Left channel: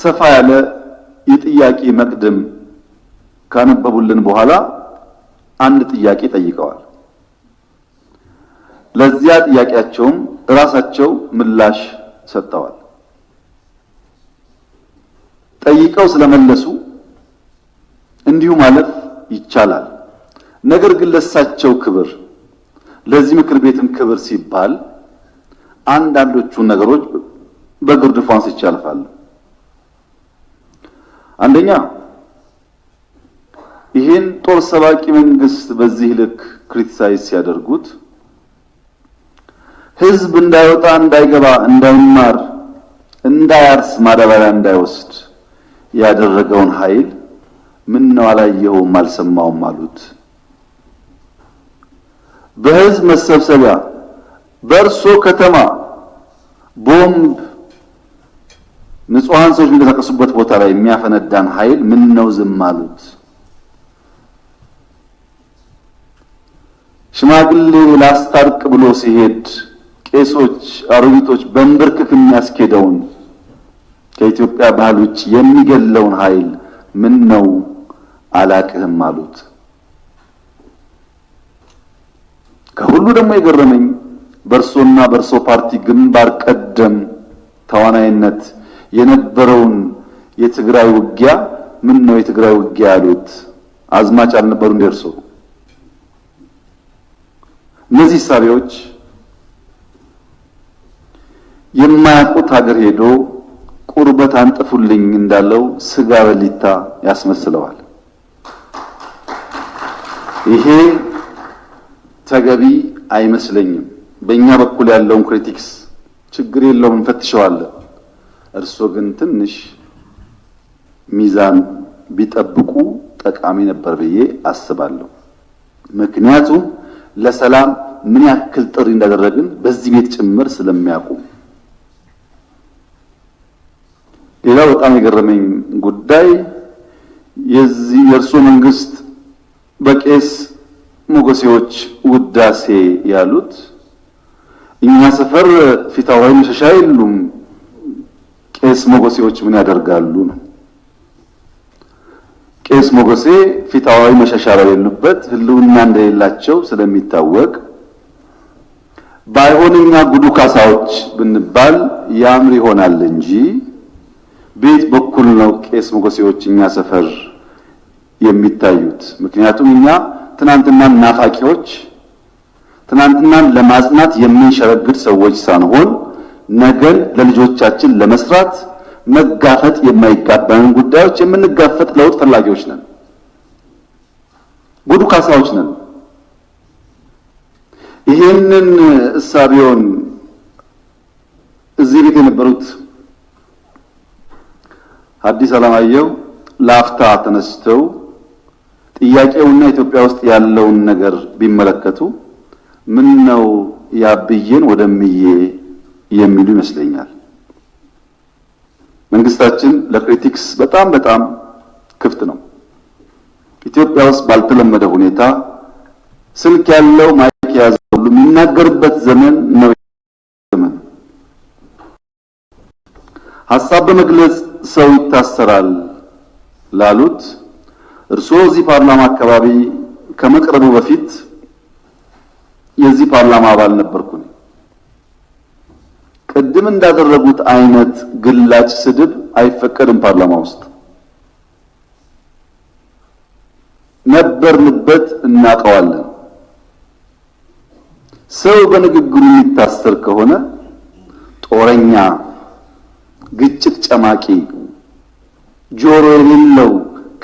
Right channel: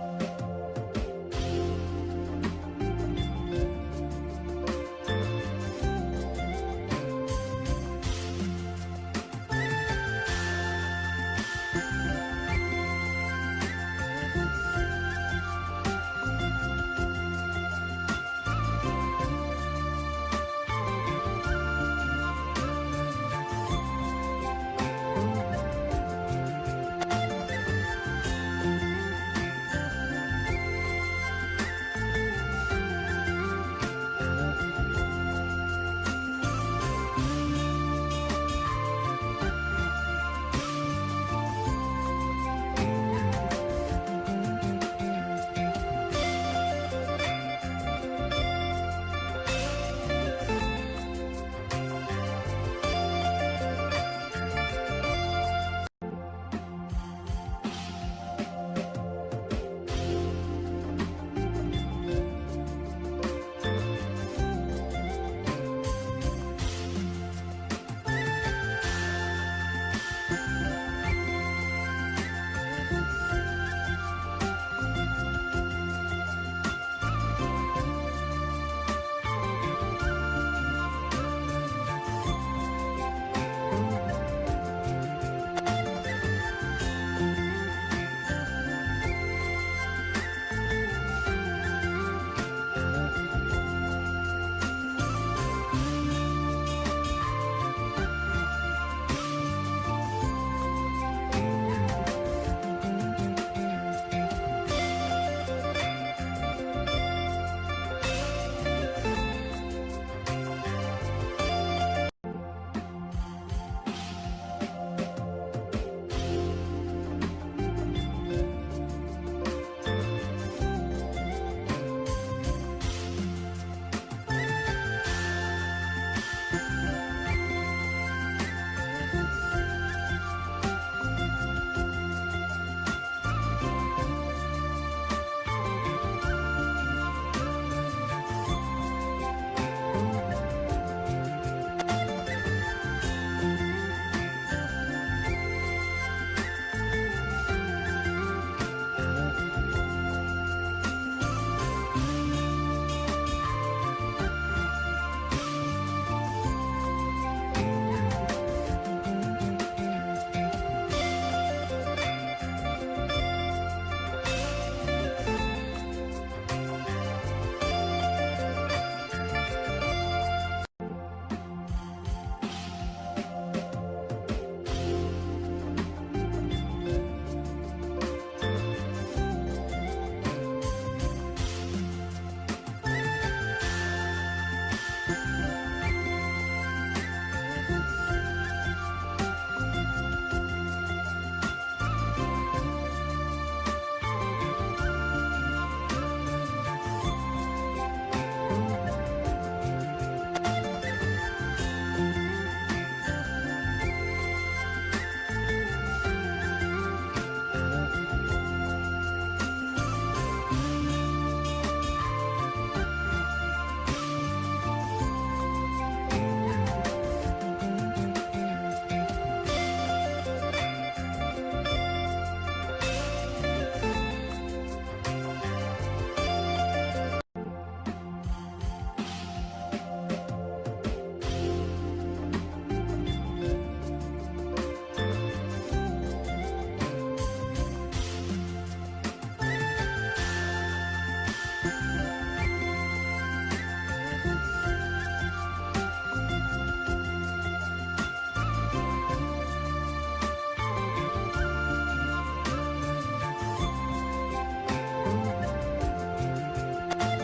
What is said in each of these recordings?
ሰፋ ያለ የጥያቄ መቅድም ካነበቡልን በኋላ አንድ ጥያቄ ጠይቀዋል። ለዚያ ጥያቄያቸውም ራሳቸው ምላሽ ሰጥተዋል። ጠይቀው ስለመለሱ እንዲሁ ማለት ይቻላል። ነገር ግን ለሳቸው ክብር፣ ለዚህ ምክር ቤትም ክብር ሲባል አንዳንዶቹ ነገሮች በግርድፉ አንስቼ አልፋለሁ። አንደኛ ይህን ጦር ሰባቂ መንግስት በዚህ ልክ ክሪቲሳይዝ ሲያደርጉት ህዝብ እንዳይወጣ፣ እንዳይገባ፣ እንዳይማር፣ እንዳያርስ፣ ማዳበሪያ እንዳይወስድ ያደረገውን ኃይል ምን ነው አላየውም አልሰማውም አሉት። በህዝብ መሰብሰቢያ በእርሶ ከተማ ቦምብ ንጹሃን ሰዎች የሚንቀሳቀሱበት ቦታ ላይ የሚያፈነዳን ኃይል ምን ነው ዝም አሉት። ሽማግሌ ላስታርቅ ብሎ ሲሄድ ቄሶች፣ አሮጊቶች በንብርክክ የሚያስኬደውን ከኢትዮጵያ ባህል ውጭ የሚገለውን ኃይል ምን ነው አላቅህም አሉት። ከሁሉ ደግሞ የገረመኝ በእርሶና በእርሶ ፓርቲ ግንባር ቀደም ተዋናይነት የነበረውን የትግራይ ውጊያ ምን ነው የትግራይ ውጊያ ያሉት አዝማች አልነበሩ እንደርሱ። እነዚህ ሳቢዎች የማያውቁት ሀገር ሄዶ ቁርበት አንጥፉልኝ እንዳለው ስጋ በሊታ ያስመስለዋል። ይሄ ተገቢ አይመስለኝም። በእኛ በኩል ያለውን ክሪቲክስ ችግር የለውም እንፈትሸዋለን። እርሶ ግን ትንሽ ሚዛን ቢጠብቁ ጠቃሚ ነበር ብዬ አስባለሁ። ምክንያቱም ለሰላም ምን ያክል ጥሪ እንዳደረግን በዚህ ቤት ጭምር ስለሚያውቁ። ሌላው በጣም የገረመኝ ጉዳይ የእርሶ መንግስት በቄስ ሞገሴዎች ውዳሴ ያሉት እኛ ሰፈር ፊታውራሪ መሸሻ የሉም፣ ቄስ ሞገሴዎች ምን ያደርጋሉ ነው። ቄስ ሞገሴ ፊታውራሪ መሸሻ በሌሉበት ህልውና እንደሌላቸው ስለሚታወቅ ባይሆንኛ ጉዱ ካሳዎች ብንባል ያምር ይሆናል እንጂ ቤት በኩል ነው ቄስ ሞገሴዎች እኛ ሰፈር የሚታዩት። ምክንያቱም እኛ ትናንትናን ናፋቂዎች፣ ትናንትናን ለማጽናት የምንሸረግድ ሰዎች ሳንሆን ነገን ለልጆቻችን ለመስራት መጋፈጥ የማይጋባንን ጉዳዮች የምንጋፈጥ ለውጥ ፈላጊዎች ነን። ጉዱ ካሳዎች ነን። ይሄንን እሳቢውን እዚህ ቤት የነበሩት አዲስ አለማየሁ ላፍታ ተነስተው ጥያቄውና ኢትዮጵያ ውስጥ ያለውን ነገር ቢመለከቱ ምን ነው ያብዬን ወደምዬ የሚሉ ይመስለኛል። መንግስታችን ለክሪቲክስ በጣም ክፍት ነው። ኢትዮጵያ ውስጥ ባልተለመደ ሁኔታ ስልክ ያለው ማይክ ያዘው ሁሉ የሚናገርበት ዘመን ነው። ሐሳብ በመግለጽ ሰው ይታሰራል ላሉት እርሶ እዚህ ፓርላማ አካባቢ ከመቅረቡ በፊት የዚህ ፓርላማ አባል ነበርኩኝ። ቅድም እንዳደረጉት አይነት ግላጭ ስድብ አይፈቀድም ፓርላማ ውስጥ። ነበርንበት፣ እናውቀዋለን። ሰው በንግግሩ የሚታሰር ከሆነ ጦረኛ፣ ግጭት ጨማቂ፣ ጆሮ የሌለው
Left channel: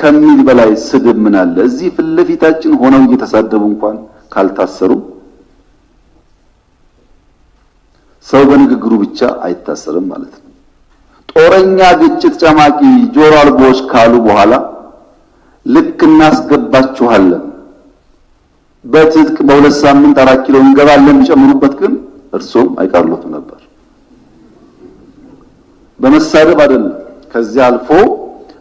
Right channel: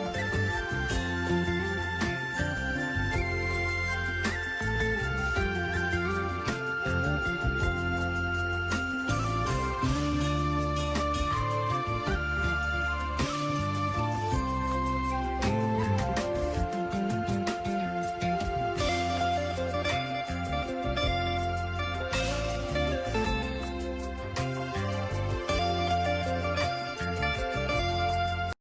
ከሚል በላይ ስድብ ምን አለ? እዚህ ፊት ለፊታችን ሆነው እየተሳደቡ እንኳን ካልታሰሩ ሰው በንግግሩ ብቻ አይታሰርም ማለት ነው። ጦረኛ፣ ግጭት ጨማቂ፣ ጆሮ አልቦች ካሉ በኋላ ልክ እናስገባችኋለን በትጥቅ በሁለት ሳምንት 4 ኪሎ እንገባለን ቢጨምሩበት ግን እርሶም አይቀርሉት ነበር። በመሳደብ አይደለም። ከዚህ አልፎ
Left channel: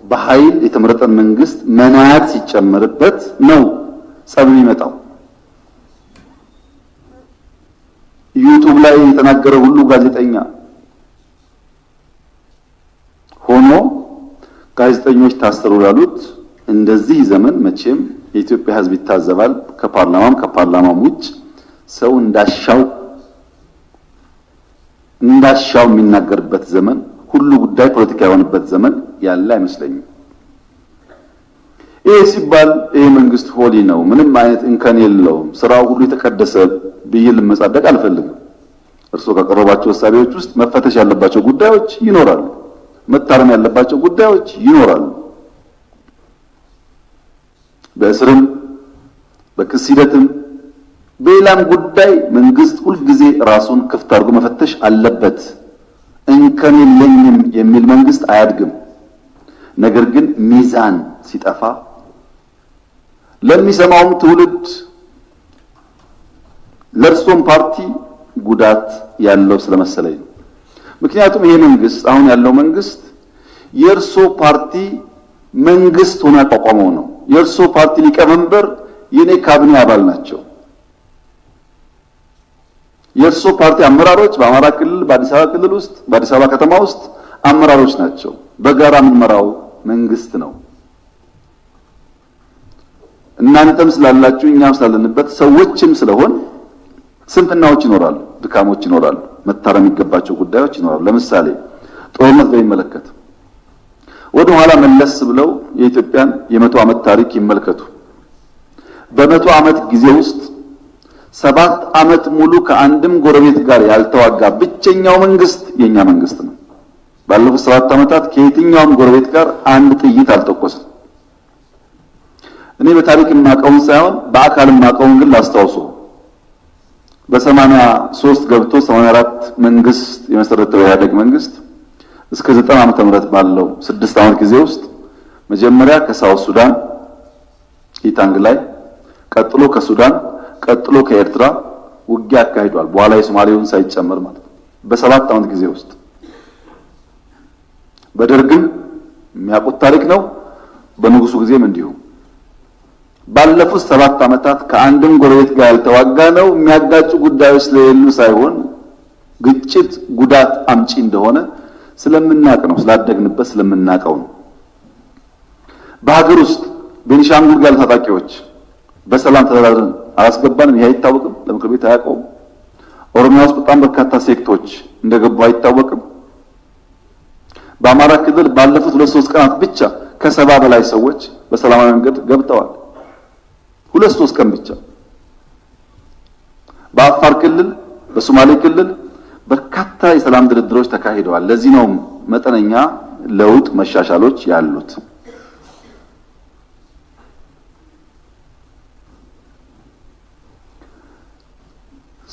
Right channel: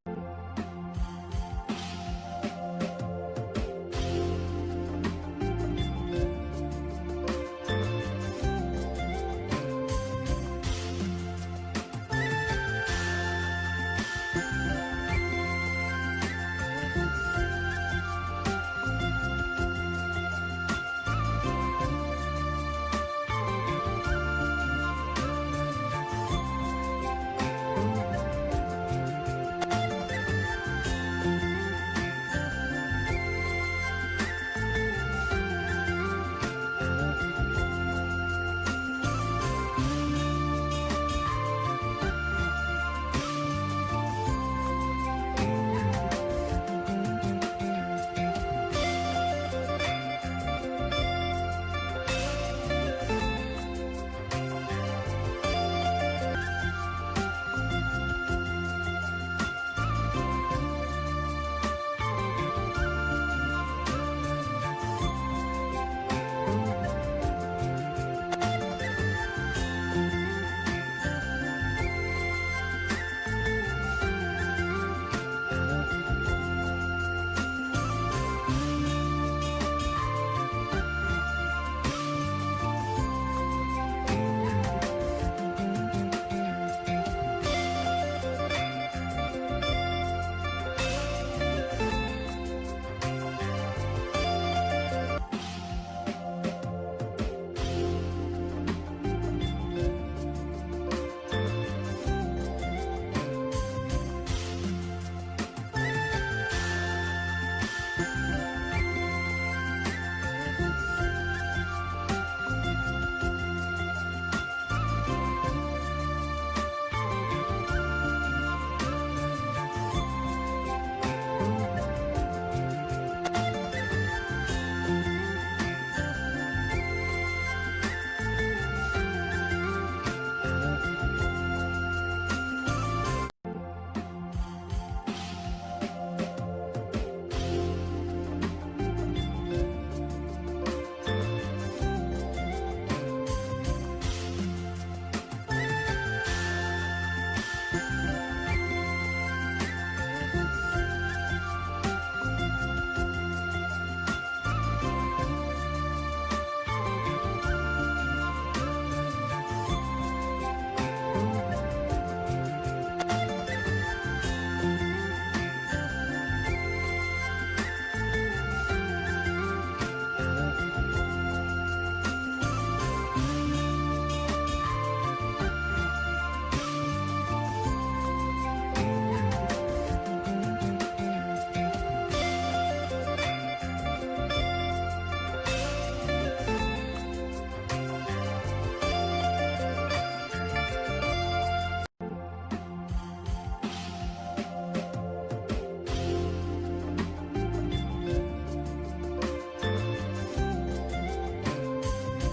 በኃይል የተመረጠ መንግስት መናት ሲጨመርበት ነው ጸብ የሚመጣው። ዩቲዩብ ላይ የተናገረ ሁሉ ጋዜጠኛ ሆኖ ጋዜጠኞች ታሰሩ ያሉት እንደዚህ ዘመን መቼም የኢትዮጵያ ሕዝብ ይታዘባል። ከፓርላማም ውጭ ሰው እንዳሻው የሚናገርበት ዘመን፣ ሁሉ ጉዳይ ፖለቲካ የሆነበት ዘመን ያለ አይመስለኝም። ይህ ሲባል ይህ መንግስት ሆሊ ነው፣ ምንም አይነት እንከን የለውም፣ ስራው ሁሉ የተቀደሰ ብዬ ልመጻደቅ አልፈልግም። እርስዎ ከቀረባቸው ሀሳቦች ውስጥ መፈተሽ ያለባቸው ጉዳዮች ይኖራሉ፣ መታረም ያለባቸው ጉዳዮች ይኖራሉ። በእስርም በክስ ሂደትም በሌላም ጉዳይ መንግስት ሁልጊዜ ራሱን ክፍት አድርጎ መፈተሽ አለበት። እንከን የለኝም የሚል መንግስት አያድግም። ነገር ግን ሚዛን ሲጠፋ ለሚሰማውም ትውልድ ለእርሶም ፓርቲ ጉዳት ያለው ስለመሰለኝ። ምክንያቱም ይሄ መንግስት አሁን ያለው መንግስት የእርሶ ፓርቲ መንግስት ሆኖ ያቋቋመው ነው። የእርሶ ፓርቲ ሊቀመንበር የኔ ካቢኔ አባል ናቸው። የእርሶ ፓርቲ አመራሮች በአማራ ክልል፣ በአዲስ አበባ ክልል ውስጥ፣ በአዲስ አበባ ከተማ ውስጥ አመራሮች ናቸው። በጋራ የምንመራው መንግስት ነው። እናንተም ስላላችሁ እኛም ስላለንበት ሰዎችም ስለሆን ስንፍናዎች ይኖራሉ፣ ድካሞች ይኖራሉ፣ መታረም የሚገባቸው ጉዳዮች ይኖራሉ። ለምሳሌ ጦርነት በሚመለከት ወደ ኋላ መለስ ብለው የኢትዮጵያን የ100 ዓመት ታሪክ ይመልከቱ። በ100 ዓመት ጊዜ ውስጥ 7 ዓመት ሙሉ ከአንድም ጎረቤት ጋር ያልተዋጋ ብቸኛው መንግስት የኛ መንግስት ነው። ባለፉት 7 ዓመታት ከየትኛውም ጎረቤት ጋር አንድ ጥይት አልተኮሰም። እኔ በታሪክ የማውቀውን ሳይሆን በአካል የማውቀውን ግን ላስታውሱ። በ83 ገብቶ 84 መንግስት የመሰረተው የኢህአዴግ መንግስት እስከ 90 ዓመተ ምህረት ባለው 6 ዓመት ጊዜ ውስጥ መጀመሪያ ከሳውት ሱዳን ኢታንግ ላይ፣ ቀጥሎ ከሱዳን፣ ቀጥሎ ከኤርትራ ውጊያ አካሂዷል። በኋላ የሶማሌውን ሳይጨመር ማለት በ7 ዓመት ጊዜ ውስጥ። በደርግም የሚያውቁት ታሪክ ነው። በንጉሱ ጊዜም እንዲሁ ባለፉት 7 ዓመታት ከአንድም ጎረቤት ጋር ያልተዋጋ ነው። የሚያጋጩ ጉዳዮች ስለሌሉ ሳይሆን ግጭት ጉዳት አምጪ እንደሆነ ስለምናውቅ ነው፣ ስላደግንበት ስለምናውቀው ነው። በሀገር ውስጥ ቤኒሻንጉል ያሉ ታጣቂዎች በሰላም ተደራድረን አላስገባንም። ይሄ አይታወቅም፣ ለምክር ቤት አያውቀውም። ኦሮሚያ ውስጥ በጣም በርካታ ሴክቶች እንደገቡ አይታወቅም። በአማራ ክልል ባለፉት 2-3 ቀናት ብቻ ከ70 በላይ ሰዎች በሰላማዊ መንገድ ገብተዋል። 2-3 ቀን ብቻ። በአፋር ክልል፣ በሶማሌ ክልል በርካታ የሰላም ድርድሮች ተካሂደዋል። ለዚህ ነው መጠነኛ ለውጥ መሻሻሎች ያሉት።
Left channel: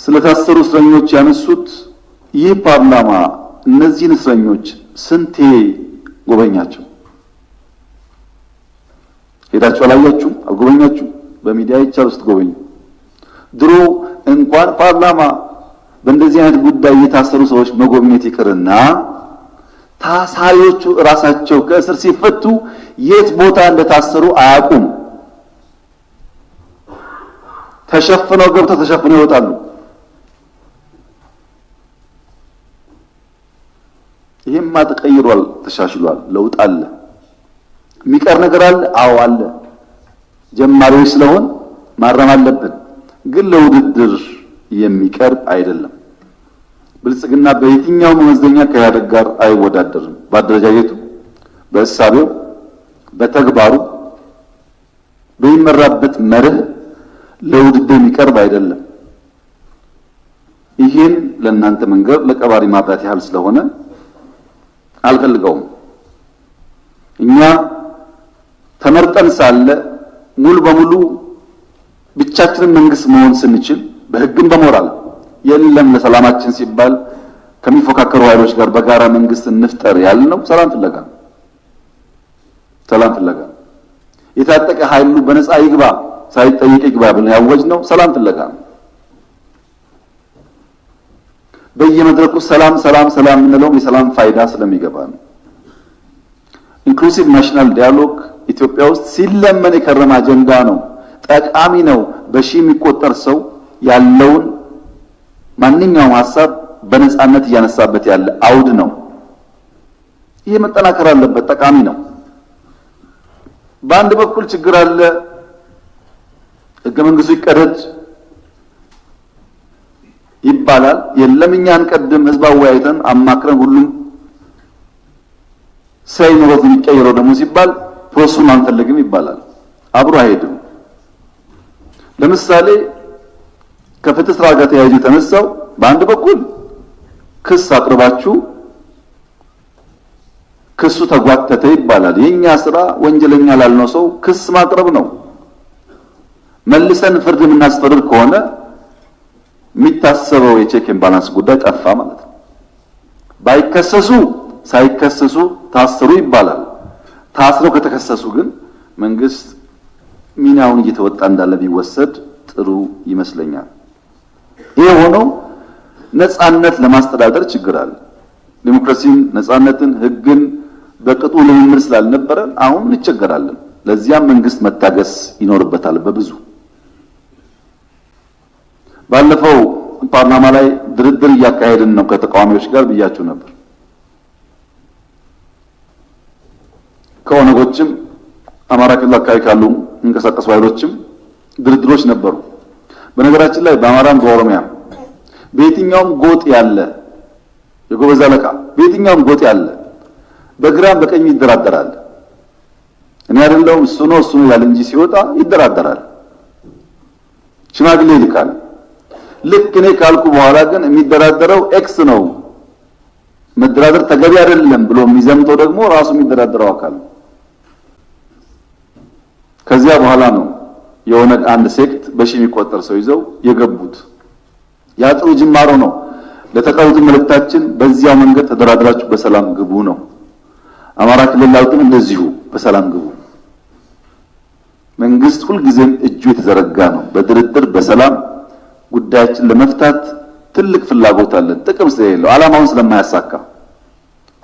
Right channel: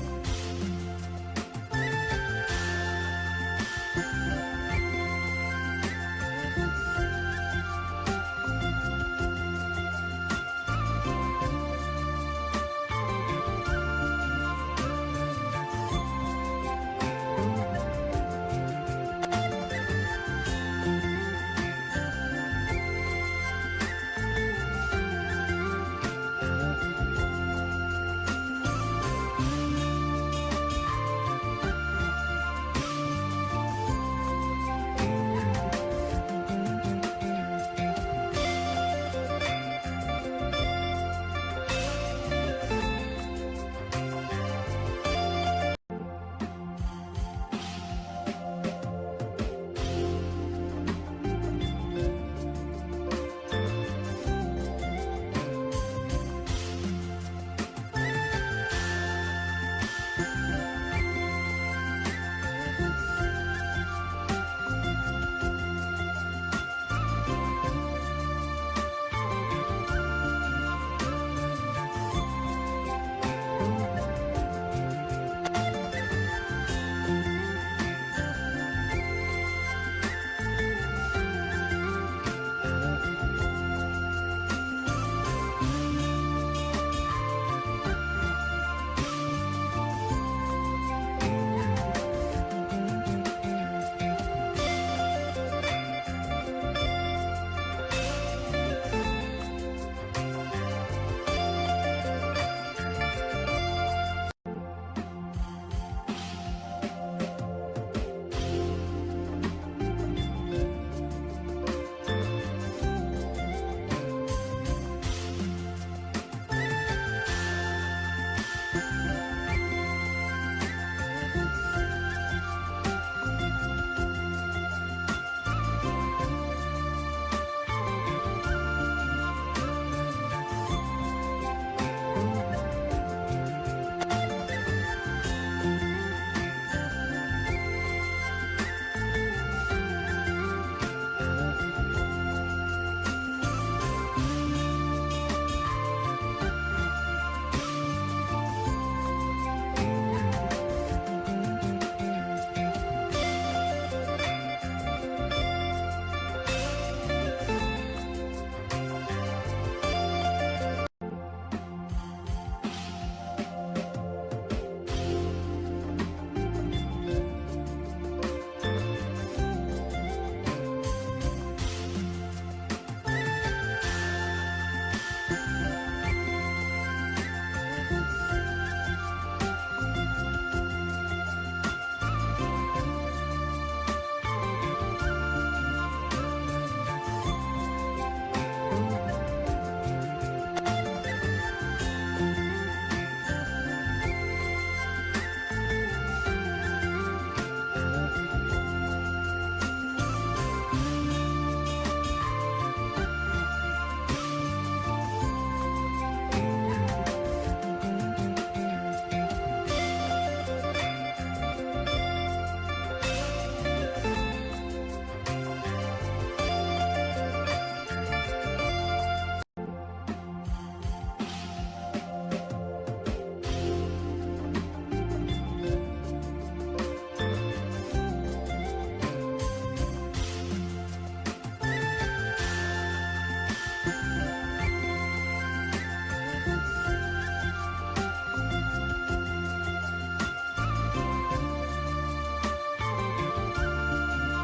ስለታሰሩ እስረኞች ያነሱት ይህ ፓርላማ እነዚህን እስረኞች ስንቴ ጎበኛቸው? ሄዳችሁ አላያችሁ? አልጎበኛችሁ? በሚዲያ ይቻል ውስጥ ጎበኙ። ድሮ እንኳን ፓርላማ በእንደዚህ አይነት ጉዳይ የታሰሩ ሰዎች መጎብኘት ይቅርና ታሳሪዎቹ ራሳቸው ከእስር ሲፈቱ የት ቦታ እንደታሰሩ አያውቁም። ተሸፍነው ገብተው ተሸፍነው ይወጣሉ። ይሄማ ተቀይሯል፣ ተሻሽሏል፣ ለውጥ አለ። የሚቀር ነገር አለ? አዎ አለ። ጀማሪዎች ስለሆን ማረም አለብን፣ ግን ለውድድር የሚቀርብ አይደለም። ብልጽግና በየትኛው መመዘኛ ከኢህአዴግ ጋር አይወዳደርም። በአደረጃጀቱ፣ በእሳቤው፣ በተግባሩ፣ በሚመራበት መርህ ለውድድር የሚቀርብ አይደለም። ይሄን ለእናንተ መንገር ለቀባሪ ማብራት ያህል ስለሆነ አልፈልገውም። እኛ ተመርጠን ሳለ ሙሉ በሙሉ ብቻችንን መንግስት መሆን ስንችል በህግም በሞራል የለም ለሰላማችን ሲባል ከሚፎካከሩ ኃይሎች ጋር በጋራ መንግስት እንፍጠር ያልነው ሰላም ፍለጋ የታጠቀ ኃይሉ በነፃ ይግባ ሳይጠየቅ ይግባ ብለን ያወጅነው ሰላም ፍለጋ ነው። በየመድረኩ ሰላም የምንለው የሰላም ፋይዳ ስለሚገባ ነው። ኢንክሉሲቭ ናሽናል ዲያሎግ ኢትዮጵያ ውስጥ ሲለመን የከረመ አጀንዳ ነው። ጠቃሚ ነው። በሺህ የሚቆጠር ሰው ያለውን ማንኛውም ሐሳብ በነፃነት እያነሳበት ያለ አውድ ነው። ይሄ መጠናከር አለበት፣ ጠቃሚ ነው። በአንድ በኩል ችግር አለ፣ ህገ መንግስቱ ይቀደድ ይባላል። የለም እኛ አንቀድም፣ ህዝብ አወያይተን አማክረን ሁሉም ሳይኖረው የሚቀየረው ደግሞ ሲባል ፕሮሰሱን አንፈልግም ይባላል። አብሮ አይሄድም። ለምሳሌ ከፍትህ ስራ ጋር ተያይዞ የተነሳው በአንድ በኩል ክስ አቅርባችሁ ክሱ ተጓተተ ይባላል። የኛ ስራ ወንጀለኛ ላልነው ሰው ክስ ማቅረብ ነው። መልሰን ፍርድ የምናስፈርድ ከሆነ የሚታሰበው የቼክ ኤንድ ባላንስ ጉዳይ ጠፋ ማለት ነው። ባይከሰሱ ሳይከሰሱ ታስሩ ይባላል። ታስረው ከተከሰሱ ግን መንግስት ሚናውን እየተወጣ እንዳለ ቢወሰድ ጥሩ ይመስለኛል። ይሄ ሆኖ ነፃነት ለማስተዳደር ችግር አለ። ዲሞክራሲን፣ ነፃነትን፣ ህግን በቅጡ ልምምድ ስላልነበረ አሁን እንቸገራለን። ለዚያም መንግስት መታገስ ይኖርበታል። በብዙ ባለፈው ፓርላማ ላይ ድርድር እያካሄድን ነው ከተቃዋሚዎች ጋር ብያችሁ ነበር። ከኦነጎችም አማራ ክልል አካባቢ ካሉ እንቀሳቀሱ ኃይሎችም ድርድሮች ነበሩ። በነገራችን ላይ በአማራም በኦሮሚያ በየትኛውም ጎጥ ያለ የጎበዝ አለቃ በየትኛውም ጎጥ ያለ በግራም በቀኝ ይደራደራል። እኔ አይደለሁም እሱ ነው ይላል እንጂ ሲወጣ ይደራደራል፣ ሽማግሌ ይልካል። ልክ እኔ ካልኩ በኋላ ግን የሚደራደረው ኤክስ ነው፣ መደራደር ተገቢ አይደለም ብሎ የሚዘምተው ደግሞ ራሱ የሚደራደረው አካል። ከዚያ በኋላ ነው የሆነ አንድ ሴክት በሺህ የሚቆጠር ሰው ይዘው የገቡት። ያ ጥሩ ጅማሮ ነው። ለተቀሩት መልእክታችን በዚያው መንገድ ተደራድራችሁ በሰላም ግቡ ነው። አማራ ክልል ላይ ግን እንደዚሁ በሰላም ግቡ። መንግስት ሁልጊዜም እጁ የተዘረጋ ነው። በድርድር በሰላም ጉዳያችን ለመፍታት ትልቅ ፍላጎት አለን። ጥቅም ስለሌለው ዓላማውን ስለማያሳካ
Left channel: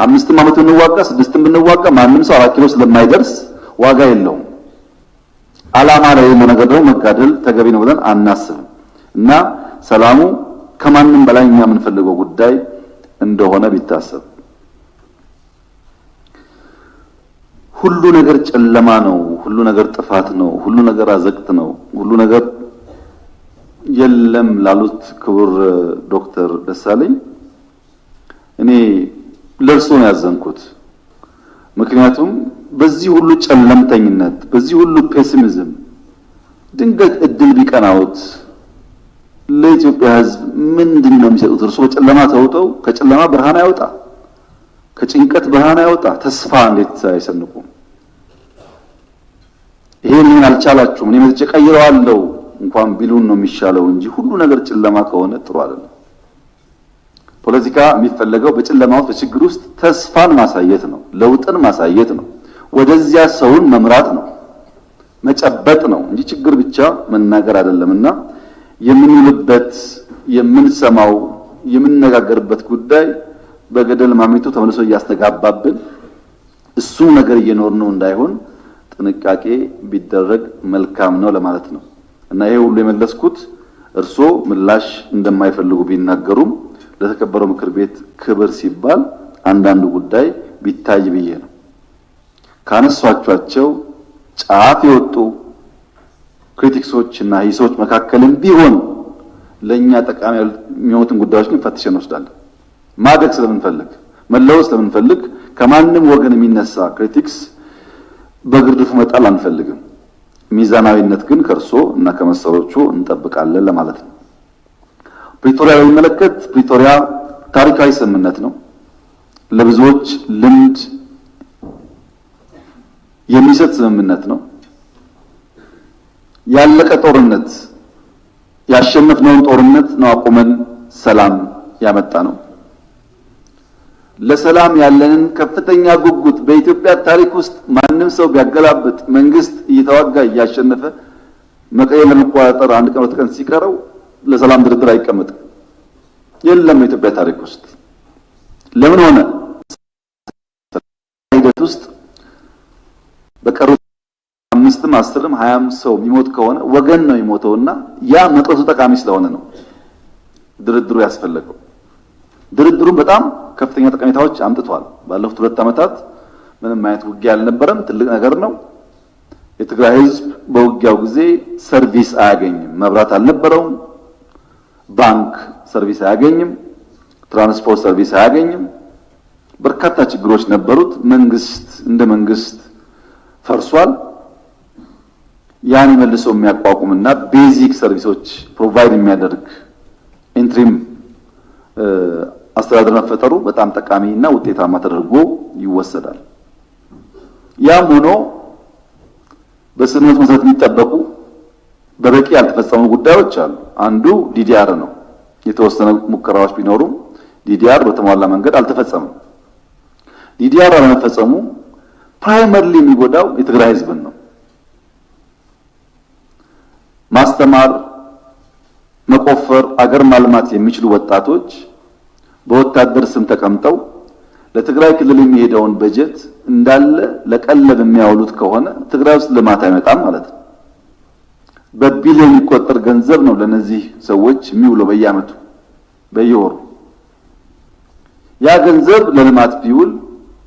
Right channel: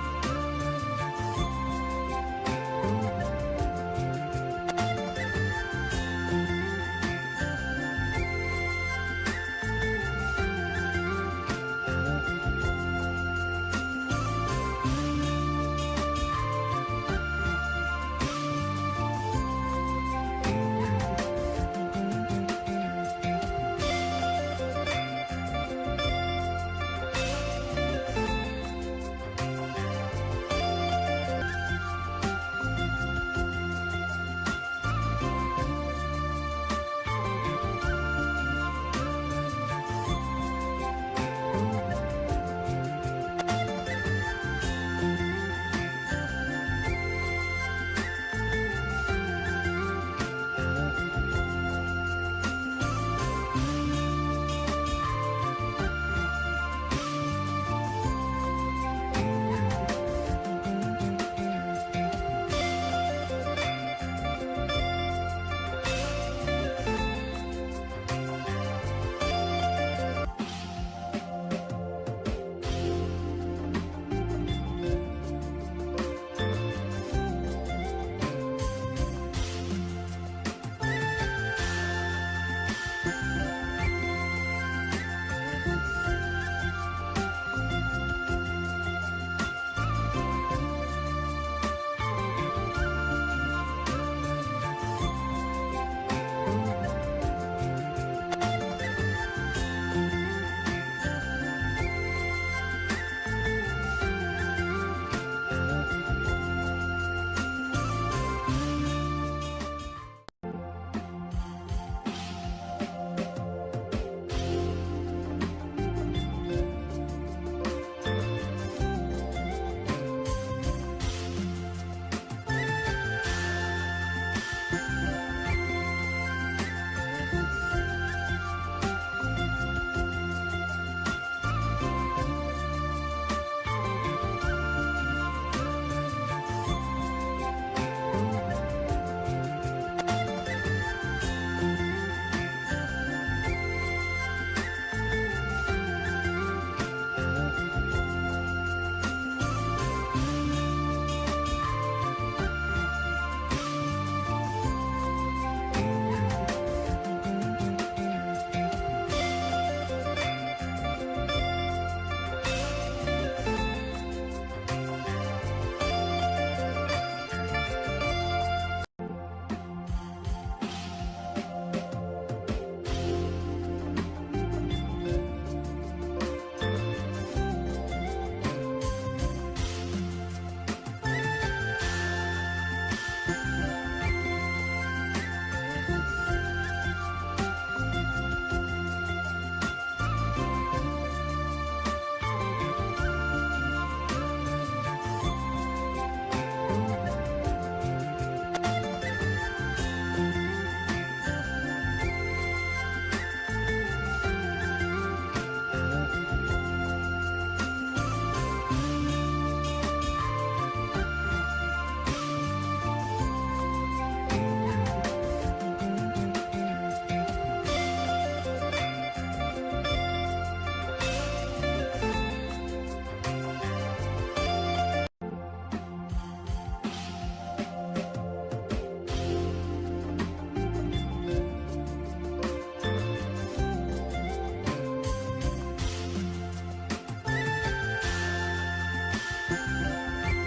5 ዓመት ብንዋጋ 6 ብንዋጋ ማንም ሰው 4 ኪሎ ስለማይደርስ ዋጋ የለውም። ዓላማ ላይ ያለው ነገር ደግሞ መጋደል ተገቢ ነው ብለን አናስብም እና ሰላሙ ከማንም በላይ እኛ የምንፈልገው ጉዳይ እንደሆነ ቢታሰብ። ሁሉ ነገር ጨለማ ነው፣ ሁሉ ነገር ጥፋት ነው፣ ሁሉ ነገር አዘቅት ነው፣ ሁሉ ነገር የለም ላሉት ክቡር ዶክተር ደሳለኝ እኔ ለእርሶ ነው ያዘንኩት። ምክንያቱም በዚህ ሁሉ ጨለምተኝነት፣ በዚህ ሁሉ ፔሲሚዝም ድንገት እድል ቢቀናውት ለኢትዮጵያ ሕዝብ ምንድነው የሚሰጡት? እርሶ በጨለማ ተውጠው ከጨለማ ብርሃን ያወጣ፣ ከጭንቀት ብርሃን ያወጣ ተስፋ እንዴት አይሰንቁ? ይሄን አልቻላችሁም፣ እኔ መጥቼ ቀይረዋለሁ እንኳን ቢሉን ነው የሚሻለው እንጂ ሁሉ ነገር ጨለማ ከሆነ ጥሩ አይደለም። ፖለቲካ የሚፈለገው በጨለማ ውስጥ በችግር ውስጥ ተስፋን ማሳየት ነው፣ ለውጥን ማሳየት ነው፣ ወደዚያ ሰውን መምራት ነው፣ መጨበጥ ነው እንጂ ችግር ብቻ መናገር አይደለምና የምንውልበት የምንሰማው የምንነጋገርበት ጉዳይ በገደል ማሚቱ ተመልሶ እያስተጋባብን እሱ ነገር እየኖርነው እንዳይሆን ጥንቃቄ ቢደረግ መልካም ነው ለማለት ነው። እና ይሄ ሁሉ የመለስኩት እርሶ ምላሽ እንደማይፈልጉ ቢናገሩም ለተከበረው ምክር ቤት ክብር ሲባል አንዳንዱ ጉዳይ ቢታይ ብዬ ነው። ካነሷቸው ጫፍ የወጡ ክሪቲክሶች እና ሂሶች መካከልም ቢሆን ለኛ ጠቃሚ የሚሆኑትን ጉዳዮች ግን ፈትሸን እንወስዳለን። ማደግ ስለምንፈልግ መለወጥ ስለምንፈልግ ከማንም ወገን የሚነሳ ክሪቲክስ በግርድፉ መጣል አንፈልግም። ሚዛናዊነት ግን ከርሶ እና ከመሰሎቹ እንጠብቃለን ለማለት ነው። ፕሪቶሪያ በሚመለከት ፕሪቶሪያ ታሪካዊ ስምምነት ነው። ለብዙዎች ልምድ የሚሰጥ ስምምነት ነው። ያለቀ ጦርነት ያሸነፍነውን ጦርነት ነው አቁመን ሰላም ያመጣ ነው። ለሰላም ያለንን ከፍተኛ ጉጉት በኢትዮጵያ ታሪክ ውስጥ ማንም ሰው ቢያገላብጥ መንግስት እየተዋጋ እያሸነፈ መቀሌ ለመቆጣጠር አንድ ቀን ወጥተን ሲቀረው ለሰላም ድርድር አይቀመጥም። የለም በኢትዮጵያ ታሪክ ውስጥ ለምን ሆነ? ሂደት ውስጥ በቀሩ 5ም 10ም 20ም ሰው ቢሞት ከሆነ ወገን ነው የሚሞተውና ያ መጥቶ ጠቃሚ ስለሆነ ነው ድርድሩ ያስፈልገው። ድርድሩን በጣም ከፍተኛ ጠቀሜታዎች አምጥቷል። ባለፉት 2 ዓመታት ምንም አይነት ውጊያ አልነበረም። ትልቅ ነገር ነው። የትግራይ ህዝብ በውጊያው ጊዜ ሰርቪስ አያገኝም። መብራት አልነበረውም። ባንክ ሰርቪስ አያገኝም። ትራንስፖርት ሰርቪስ አያገኝም። በርካታ ችግሮች ነበሩት። መንግስት እንደ መንግስት ፈርሷል። ያን መልሶ የሚያቋቁምና ቤዚክ ሰርቪሶች ፕሮቫይድ የሚያደርግ ኢንትሪም አስተዳደር መፈጠሩ በጣም ጠቃሚና ውጤታማ ተደርጎ ይወሰዳል። ያም ሆኖ በስምምነቱ መሰረት የሚጠበቁ በበቂ ያልተፈጸሙ ጉዳዮች አሉ። አንዱ ዲዲአር ነው። የተወሰኑ ሙከራዎች ቢኖሩም ዲዲአር በተሟላ መንገድ አልተፈጸመም። ዲዲአር አለመፈጸሙ ፕራይመሪሊ የሚጎዳው የትግራይ ህዝብን ነው። ማስተማር፣ መቆፈር፣ አገር ማልማት የሚችሉ ወጣቶች በወታደር ስም ተቀምጠው ለትግራይ ክልል የሚሄደውን በጀት እንዳለ ለቀለብ የሚያውሉት ከሆነ ትግራይ ውስጥ ልማት አይመጣም ማለት ነው። በቢሊዮን የሚቆጠር ገንዘብ ነው ለነዚህ ሰዎች የሚውለው በየዓመቱ በየወሩ። ያ ገንዘብ ለልማት ቢውል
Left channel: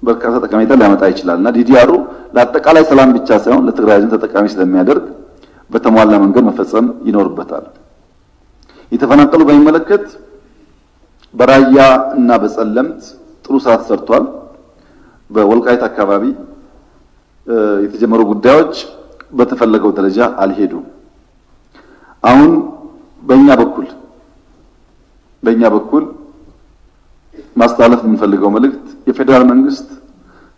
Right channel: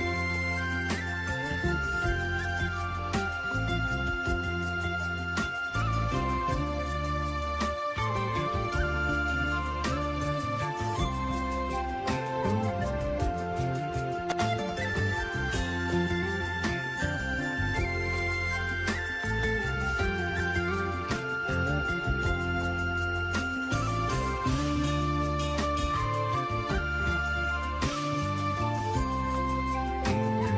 በርካታ ጠቀሜታ ሊያመጣ ይችላልና ዲዲአሩ ለአጠቃላይ ሰላም ብቻ ሳይሆን ለትግራይ ህዝብ ተጠቃሚ ስለሚያደርግ በተሟላ መንገድ መፈጸም ይኖርበታል። የተፈናቀሉ በሚመለከት በራያ እና በጸለምት ጥሩ ስራ ተሰርቷል። በወልቃይት አካባቢ የተጀመሩ ጉዳዮች በተፈለገው ደረጃ አልሄዱም። አሁን በእኛ በኩል ማስተላለፍ የምንፈልገው መልእክት የፌዴራል መንግስት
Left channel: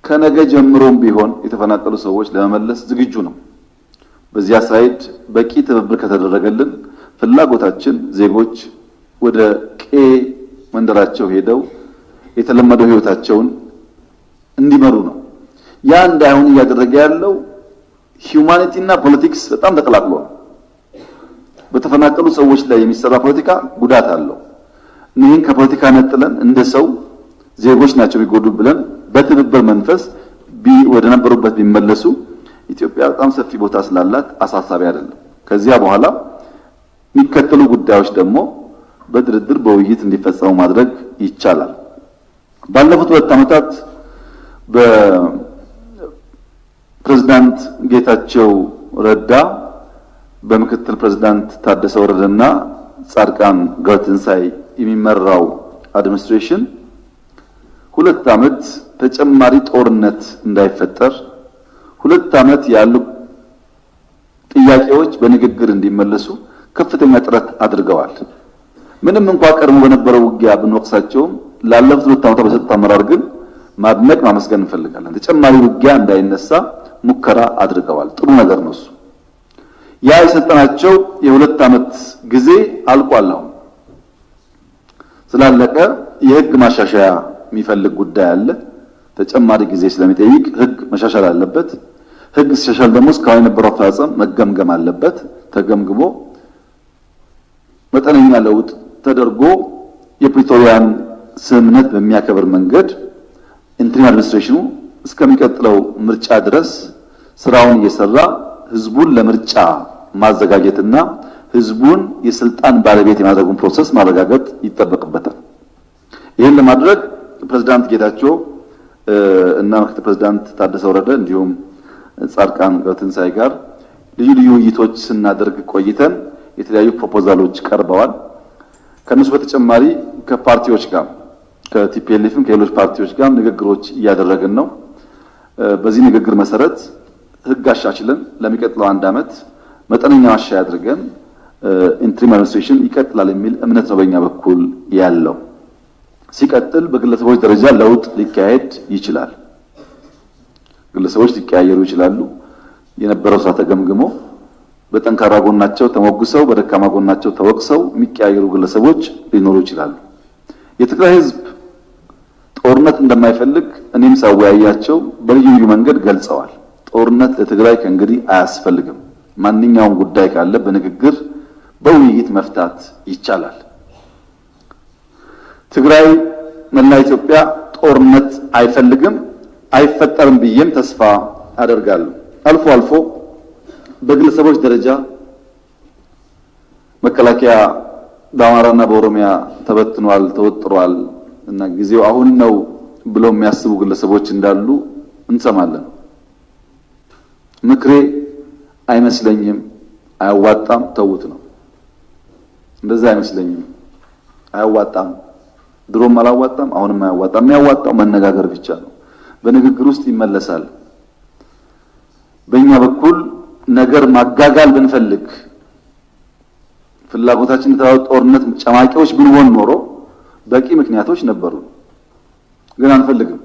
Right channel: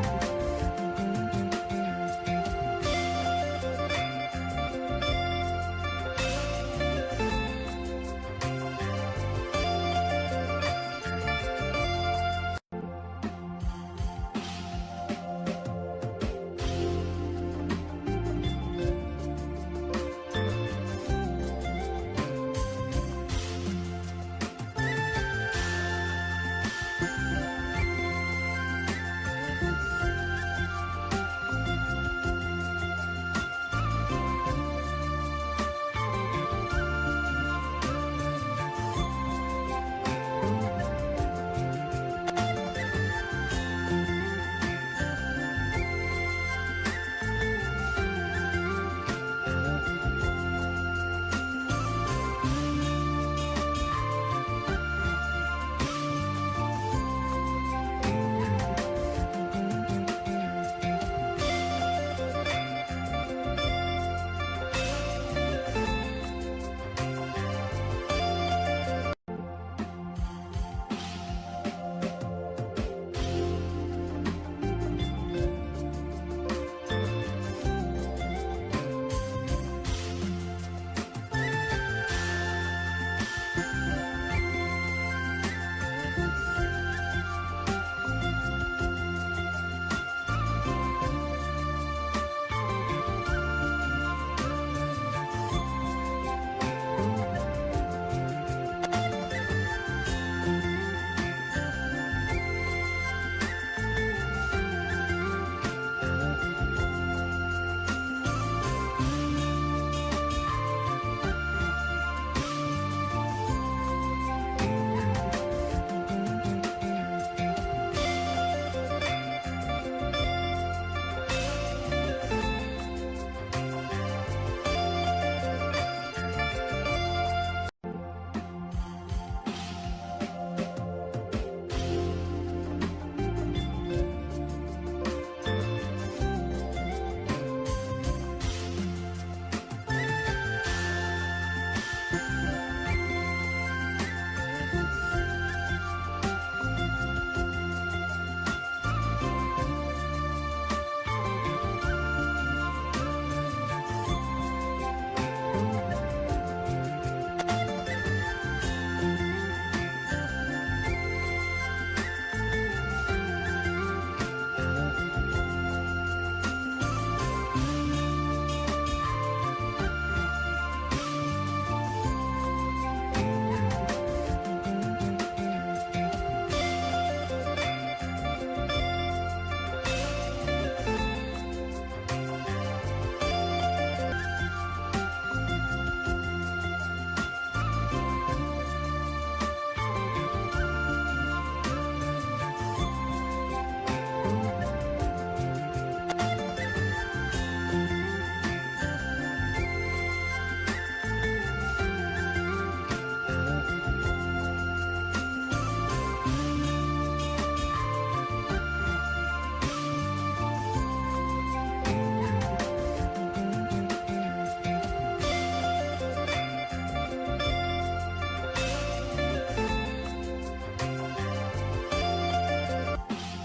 ከነገ ጀምሮም ቢሆን የተፈናቀሉ ሰዎች ለመመለስ ዝግጁ ነው። በዚያ ሳይድ በቂ ትብብር ከተደረገልን ፍላጎታችን ዜጎች ወደ መንደራቸው ሄደው የተለመደው ህይወታቸውን እንዲመሩ ነው። ያ እንዳይሆን እያደረገ ያለው ሂዩማኒቲ እና ፖለቲክስ በጣም ተቀላቅሏል። በተፈናቀሉ ሰዎች ላይ የሚሰራ ፖለቲካ ጉዳት አለው። ይህን ከፖለቲካ ነጥለን እንደ ሰው ዜጎች ናቸው ቢጎዱ ብለን በትብብር መንፈስ ወደ ነበሩበት ቢመለሱ ኢትዮጵያ በጣም ሰፊ ቦታ ስላላት አሳሳቢ አይደለም። ከዚያ በኋላ የሚከተሉ ጉዳዮች ደግሞ በድርድር በውይይት እንዲፈጸሙ ማድረግ ይቻላል። ባለፉት 2 ዓመታት በፕሬዝዳንት ጌታቸው ረዳ በምክትል ፕሬዝዳንት ታደሰ ወረደና ጻድቃን ገብረትንሳኤ የሚመራው አድሚኒስትሬሽን 2 ዓመት ተጨማሪ ጦርነት እንዳይፈጠር 2 ዓመት ያሉ ጥያቄዎች በንግግር እንዲመለሱ ከፍተኛ ጥረት አድርገዋል። ምንም እንኳን ቀድሞ በነበረው ውጊያ ብንወቅሳቸውም ላለፉት 2 ዓመታት በሰጡት አመራር ግን ማድነቅ ማመስገን እንፈልጋለን። ተጨማሪ ውጊያ እንዳይነሳ ሙከራ አድርገዋል። ጥሩ ነገር ነው። ያ የሰጠናቸው የ2 ዓመት ጊዜ አልቋል። አሁን ስላለቀ የህግ ማሻሻያ የሚፈልግ ጉዳይ አለ። ተጨማሪ ጊዜ ስለሚጠይቅ ህግ መሻሻል አለበት። ህግ ሲሻሻል ደግሞ እስካሁን የነበረው አፈጻጸም መገምገም አለበት። ተገምግሞ መጠነኛ ለውጥ ተደርጎ የፕሪቶሪያን ስምምነት በሚያከብር መንገድ ኢንትሪም አድሚኒስትሬሽኑ እስከሚቀጥለው ምርጫ ድረስ ስራውን እየሰራ ህዝቡን ለምርጫ ማዘጋጀትና ህዝቡን የስልጣን ባለቤት የማድረጉን ፕሮሰስ ማረጋገጥ ይጠበቅበታል። ይህን ለማድረግ ፕሬዝዳንት ጌታቸው እና ምክትል ፕሬዝዳንት ታደሰ ወረደ እንዲሁም ጻድቃን ገብረትንሳኤ ጋር ልዩ ውይይቶች ስናደርግ ቆይተን የተለያዩ ፕሮፖዛሎች ቀርበዋል። ከነሱ በተጨማሪ ከፓርቲዎች ጋር ከቲፒኤልኤፍም ከሌሎች ፓርቲዎች ጋር ንግግሮች እያደረግን ነው። በዚህ ንግግር መሰረት ህግ አሻሽለን ለሚቀጥለው 1 ዓመት መጠነኛ ማሻሻያ አድርገን ኢንትሪም አድሚኒስትሬሽን ይቀጥላል የሚል እምነት ነው በእኛ በኩል ያለው። ሲቀጥል በግለሰቦች ደረጃ ለውጥ ሊካሄድ ይችላል። ግለሰቦች ሊቀያየሩ ይችላሉ። የነበረው ስራ ተገምግሞ በጠንካራ ጎናቸው ተሞግሰው በደካማ ጎናቸው ተወቅሰው የሚቀያየሩ ግለሰቦች ሊኖሩ ይችላሉ። የትግራይ ህዝብ ጦርነት እንደማይፈልግ እኔም ሳወያያቸው በልዩ መንገድ ገልጸዋል። ጦርነት ለትግራይ ከእንግዲህ አያስፈልግም። ማንኛውም ጉዳይ ካለ በንግግር በውይይት መፍታት ይቻላል። ትግራይ መላ ኢትዮጵያ ጦርነት አይፈልግም፣ አይፈጠርም ብዬም ተስፋ አደርጋለሁ። አልፎ አልፎ በግለሰቦች ደረጃ መከላከያ በአማራና በኦሮሚያ ተበትኗል፣ ተወጥሯል፣ እና ጊዜው አሁን ነው ብለው የሚያስቡ ግለሰቦች እንዳሉ እንሰማለን። ምክሬ አይመስለኝም፣ አያዋጣም፣ ተውት ነው። እንደዛ አይመስለኝም፣ አያዋጣም፣ ድሮም አላዋጣም፣ አሁንም አያዋጣም። የሚያዋጣው መነጋገር ብቻ ነው። በንግግር ውስጥ ይመለሳል። በእኛ በኩል ነገር ማጋጋል ብንፈልግ ፍላጎታችን ጦርነት ጨማቂዎች ብንሆን ኖሮ በቂ ምክንያቶች ነበሩ። ግን አንፈልግም።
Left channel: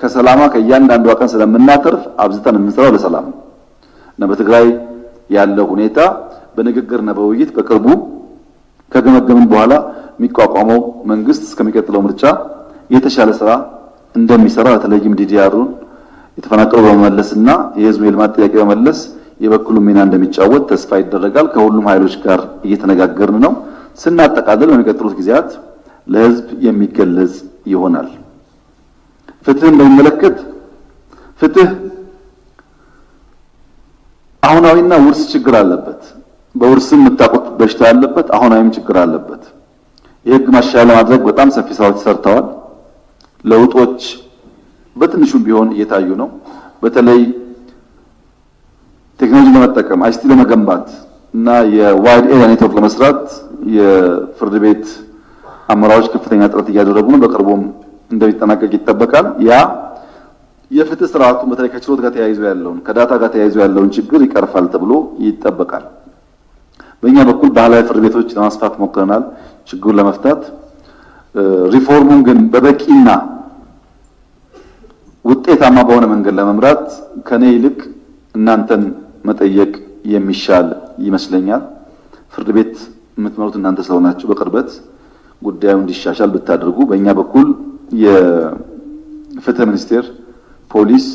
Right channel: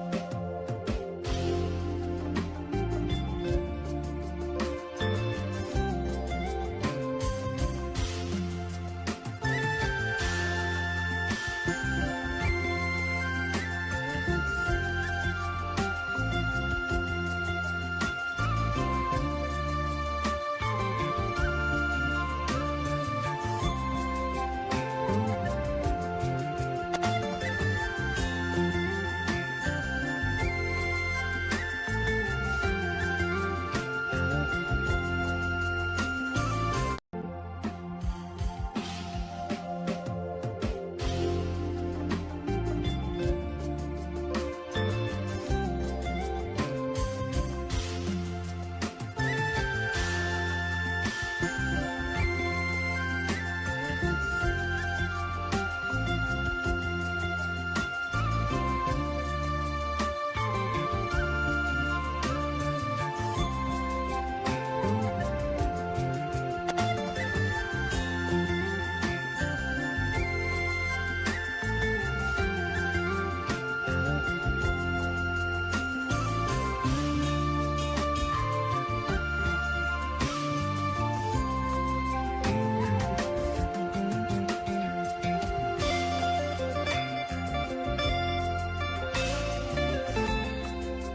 ከሰላማ ከእያንዳንዷ ቀን ስለምናተርፍ አብዝተን እንሰራው ለሰላም እና በትግራይ ያለው ሁኔታ በንግግርና በውይይት በቅርቡ ከገመገምን በኋላ የሚቋቋመው መንግስት እስከሚቀጥለው ምርጫ የተሻለ ስራ እንደሚሰራ በተለይም ዲዲአሩን የተፈናቀሉ በመመለስና የህዝብ የልማት ጥያቄ በመመለስ የበኩሉ ሚና እንደሚጫወት ተስፋ ይደረጋል። ከሁሉም ኃይሎች ጋር እየተነጋገርን ነው። ስናጠቃልል በሚቀጥሉት ጊዜያት ለህዝብ የሚገለጽ ይሆናል። ፍትህን በሚመለከት ፍትህ አሁናዊና ውርስ ችግር አለበት። በውርስም የምታውቁት በሽታ ያለበት አሁናዊም ችግር አለበት። የህግ ማሻሻያ ለማድረግ በጣም ሰፊ ስራዎች ተሰርተዋል። ለውጦች በትንሹም ቢሆን እየታዩ ነው። በተለይ ቴክኖሎጂ ለመጠቀም አይሲቲ ለመገንባት እና የዋይድ ኤሪያ ኔትወርክ ለመስራት የፍርድ ቤት አመራሮች ከፍተኛ ጥረት እያደረጉ ነው። በቅርቡም እንደሚጠናቀቅ ይጠበቃል። ያ የፍትህ ስርዓቱን በተለይ ከችሎት ጋር ተያይዞ ያለውን ከዳታ ጋር ተያይዞ ያለውን ችግር ይቀርፋል ተብሎ ይጠበቃል። በእኛ በኩል ባህላዊ ፍርድ ቤቶች ለማስፋት ሞክረናል ችግሩን ለመፍታት። ሪፎርሙን ግን በበቂና ውጤታማ በሆነ መንገድ ለመምራት ከኔ ይልቅ እናንተን መጠየቅ የሚሻል ይመስለኛል። ፍርድ ቤት የምትመሩት እናንተ ስለሆናችሁ በቅርበት ጉዳዩን እንዲሻሻል ብታደርጉ። በእኛ በኩል የፍትህ ሚኒስቴር፣ ፖሊስ፣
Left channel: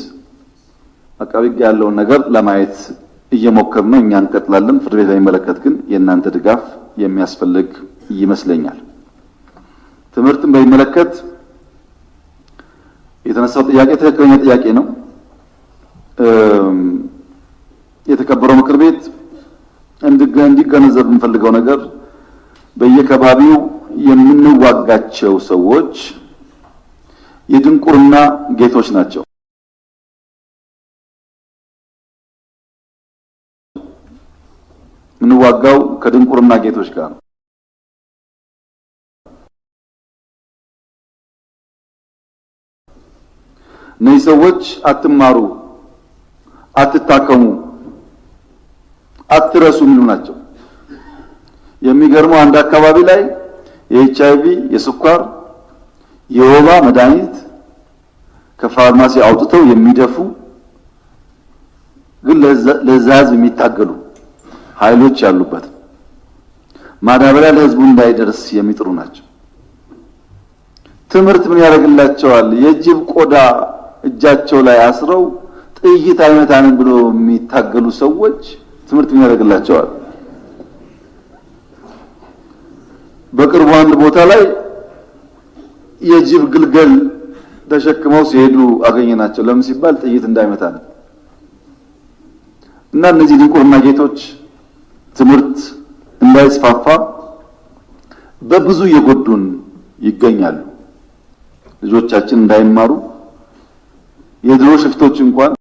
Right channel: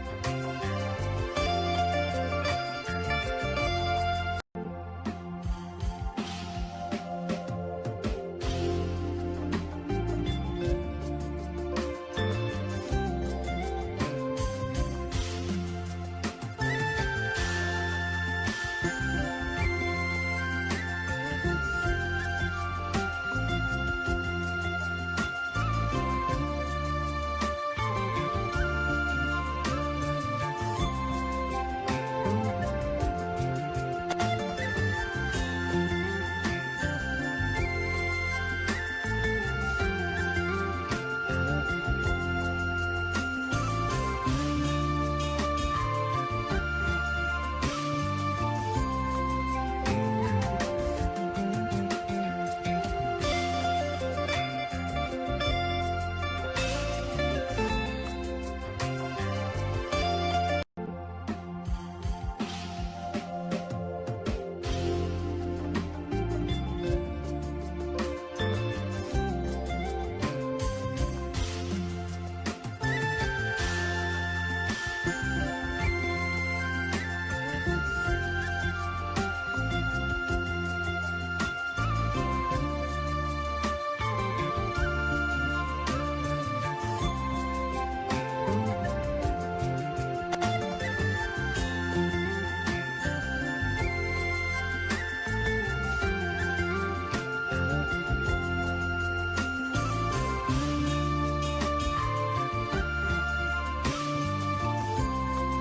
አቃቤ ሕግ ያለውን ነገር ለማየት እየሞከርን ነው። እኛ እንቀጥላለን። ፍርድ ቤት በሚመለከት ግን የእናንተ ድጋፍ የሚያስፈልግ ይመስለኛል። ትምህርትን በሚመለከት የተነሳው ጥያቄ ትክክለኛ ጥያቄ ነው። የተከበረው ምክር ቤት እንዲገነዘብ የምንፈልገው ነገር በየከባቢው የምንዋጋቸው ሰዎች የድንቁርና ጌቶች ናቸው። የምንዋጋው ከድንቁርና ጌቶች ጋር ነው። እነዚህ ሰዎች አትማሩ፣ አትታከሙ፣ አትረሱ የሚሉ ናቸው። የሚገርመው አንድ አካባቢ ላይ የኤችአይቪ፣ የስኳር፣ የወባ መድኃኒት ከፋርማሲ አውጥተው የሚደፉ ግን ለዛ ህዝብ የሚታገሉ ኃይሎች ያሉበት ማዳበሪያ ለህዝቡ እንዳይደርስ የሚጥሩ ናቸው። ትምህርት ምን ያደርግላቸዋል? የጅብ ቆዳ እጃቸው ላይ አስረው ጥይት አይመታንም ብሎ የሚታገሉ ሰዎች ትምህርት ምን ያደርግላቸዋል? በቅርቡ አንድ ቦታ ላይ የጅብ ግልገል ተሸክመው ሲሄዱ አገኘናቸው። ለምን ሲባል ጥይት እንዳይመታ ነው። እና እነዚህ ድንቁርና ጌቶች ትምህርት እንዳይስፋፋ በብዙ እየጎዱን ይገኛሉ። ልጆቻችን እንዳይማሩ የድሮ ሽፍቶች እንኳን